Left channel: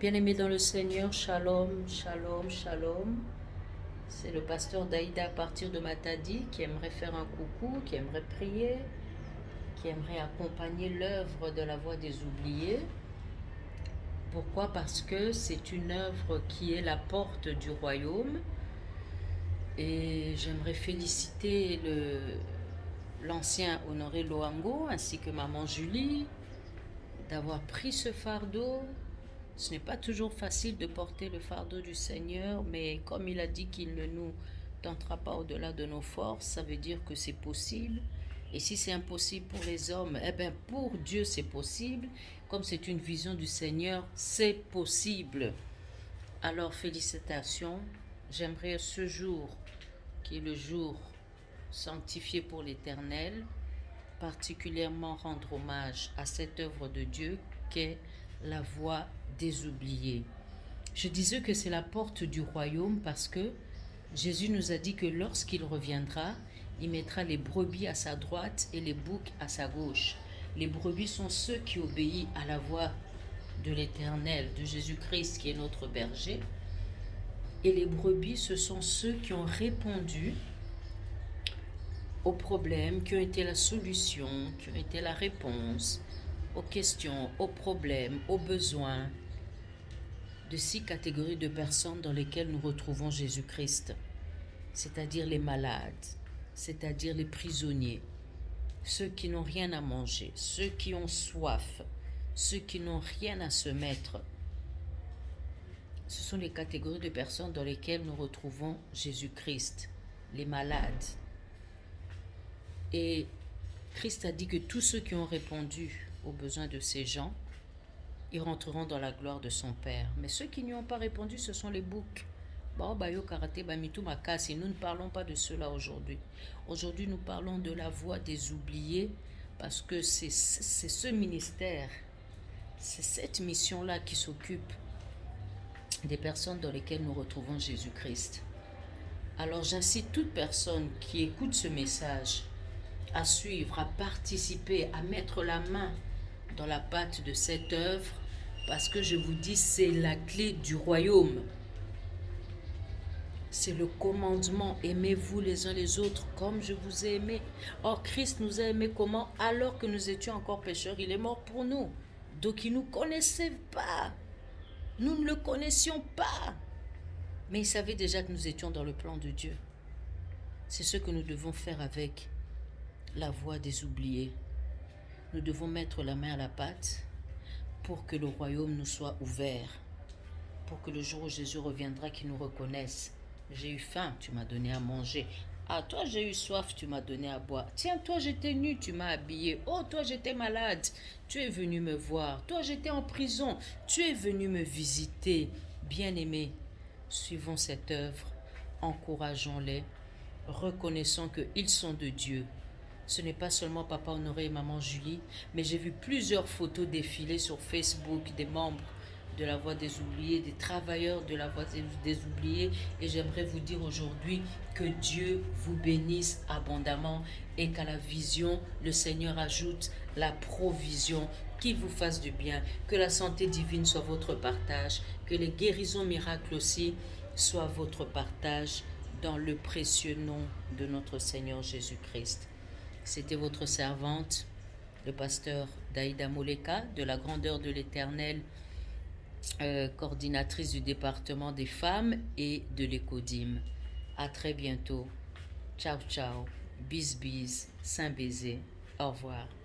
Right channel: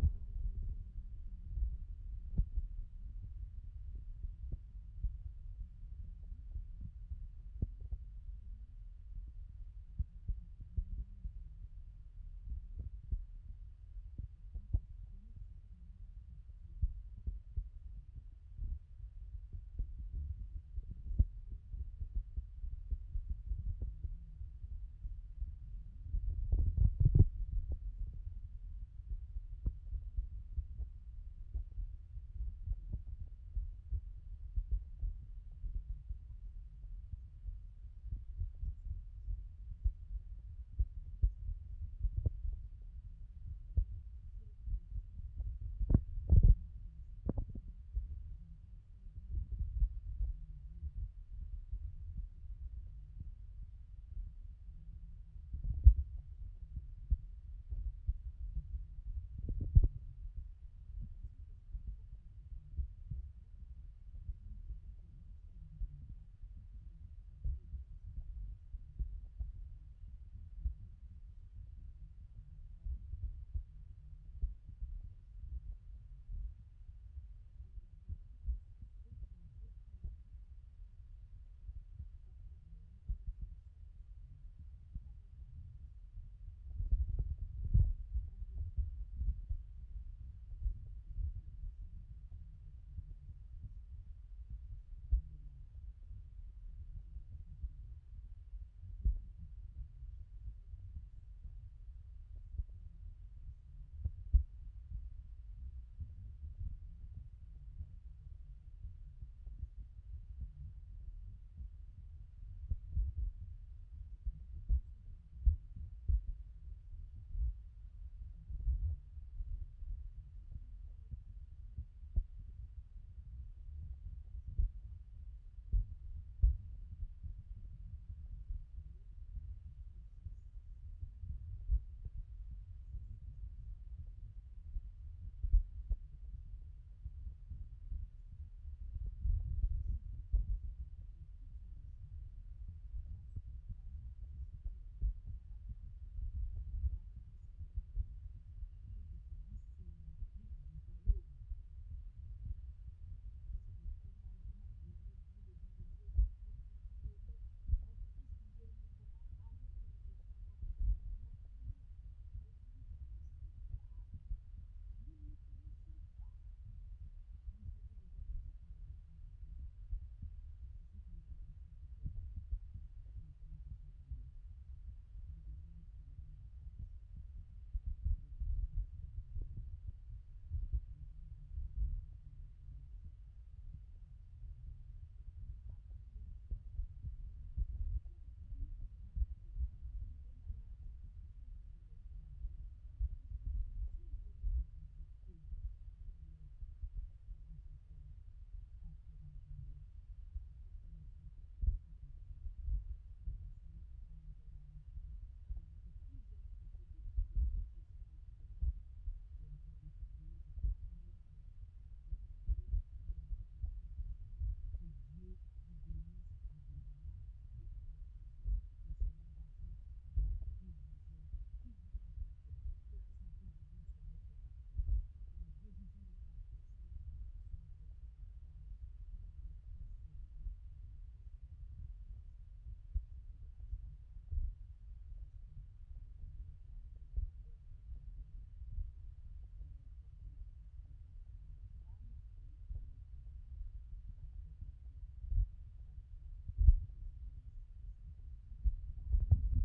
Bien-aimés dans le Seigneur, shalom, shalom, shalom. C'est le pasteur Daïda à partir de Matadi qui aimerait faire un coucou, qui aimerait prier, qui aimerait accompagner l'œuvre de la Voix des oubliés. Pourquoi? Parce que c'est une œuvre qui est la porte du royaume. Et j'aimerais féliciter l'ancien Honoré Loango ainsi que maman Julie d'avoir pris ce fardeau. Ce n'est pas toujours facile de porter le fardeau du Seigneur, mais comme il a dit qu'il ne nous tentera pas au-delà de nos forces, ça veut dire que c'est possible. Et si c'est impossible pour les hommes, eh bien pour Dieu c'est possible. Comme c'est une vision du Seigneur, c'est possible. Alors félicitations. J'aimerais ce jour, qui est le jour sanctifié pour l'Éternel, particulièrement rendre hommage à cette œuvre de Dieu qu'est la voix des oubliés. Je disais que c'est la porte du royaume parce que Jésus nous a dit que lorsqu'il reviendra, il mettra les brebis à sa droite et les boucs à sa gauche. Les brebis sont ceux qui obéissent à la voix de l'Éternel, de Jésus-Christ qui est notre berger. Et les brebis, ce sont ceux qui ont répondu aux problèmes, qui ont été la solution, qui ont été la réponse aux questions, aux problèmes, aux besoins de 6 catégories de personnes dans lesquelles nous retrouvons Jésus-Christ, c'est-à-dire les malades, c'est-à-dire les prisonniers, ceux qui n'ont rien à manger, ceux qui ont soif, ceux qui n'ont rien à se mettre. Ce sont les catégories de personnes dans lesquelles nous retrouvons Jésus-Christ, les malades. Et Christ a dit que tous ceux qui ont répondu aux besoins de ces gens, ils rentreront dans la gloire de son Père. Mais ceux qui n'y ont pas répondu, ce sont les boucs. Nous ne parlons pas de cela aujourd'hui. Aujourd'hui, nous parlons de la voix des oubliés parce que c'est ce ministère, c'est cette mission-là qui s'occupe des personnes dans lesquelles nous retrouvons Jésus-Christ. Alors j'incite toute personne qui écoute ce message à suivre, à participer, à mettre la main dans la pâte de cette œuvre, parce que je vous dis, c'est la clé du royaume. C'est le commandement, aimez-vous les uns les autres comme je vous ai aimé. Or, Christ nous a aimés comment? Alors que nous étions encore pécheurs, il est mort pour nous. Donc, il ne nous connaissait pas. Nous ne le connaissions pas. Mais il savait déjà que nous étions dans le plan de Dieu. C'est ce que nous devons faire avec la voix des oubliés. Nous devons mettre la main à la pâte pour que le royaume nous soit ouvert, pour que le jour où Jésus reviendra, qu'il nous reconnaisse. J'ai eu faim, tu m'as donné à manger. Ah, toi, j'ai eu soif, tu m'as donné à boire. Tiens, toi, j'étais nu, tu m'as habillé. Oh, toi, j'étais malade, tu es venu me voir. Toi, j'étais en prison, tu es venu me visiter. Bien-aimés, suivons cette œuvre, encourageons-les, reconnaissons qu'ils sont de Dieu. Ce n'est pas seulement Papa Honoré et Maman Julie, mais j'ai vu plusieurs photos défiler sur Facebook des membres de la Voix des oubliés, des travailleurs de la Voix des oubliés. Et j'aimerais vous dire aujourd'hui que Dieu vous bénisse abondamment et qu'à la vision, le Seigneur ajoute la provision qui vous fasse du bien. Que la santé divine soit votre partage, que les guérisons miracles aussi soient votre partage dans le précieux nom de notre Seigneur Jésus-Christ. C'était votre servante, le pasteur Daïda Moleka, de la grandeur de l'Éternel, coordinatrice du département des femmes et de l'Écodim. À très bientôt. Ciao, ciao. Bis, bis. Saint baiser. Au revoir.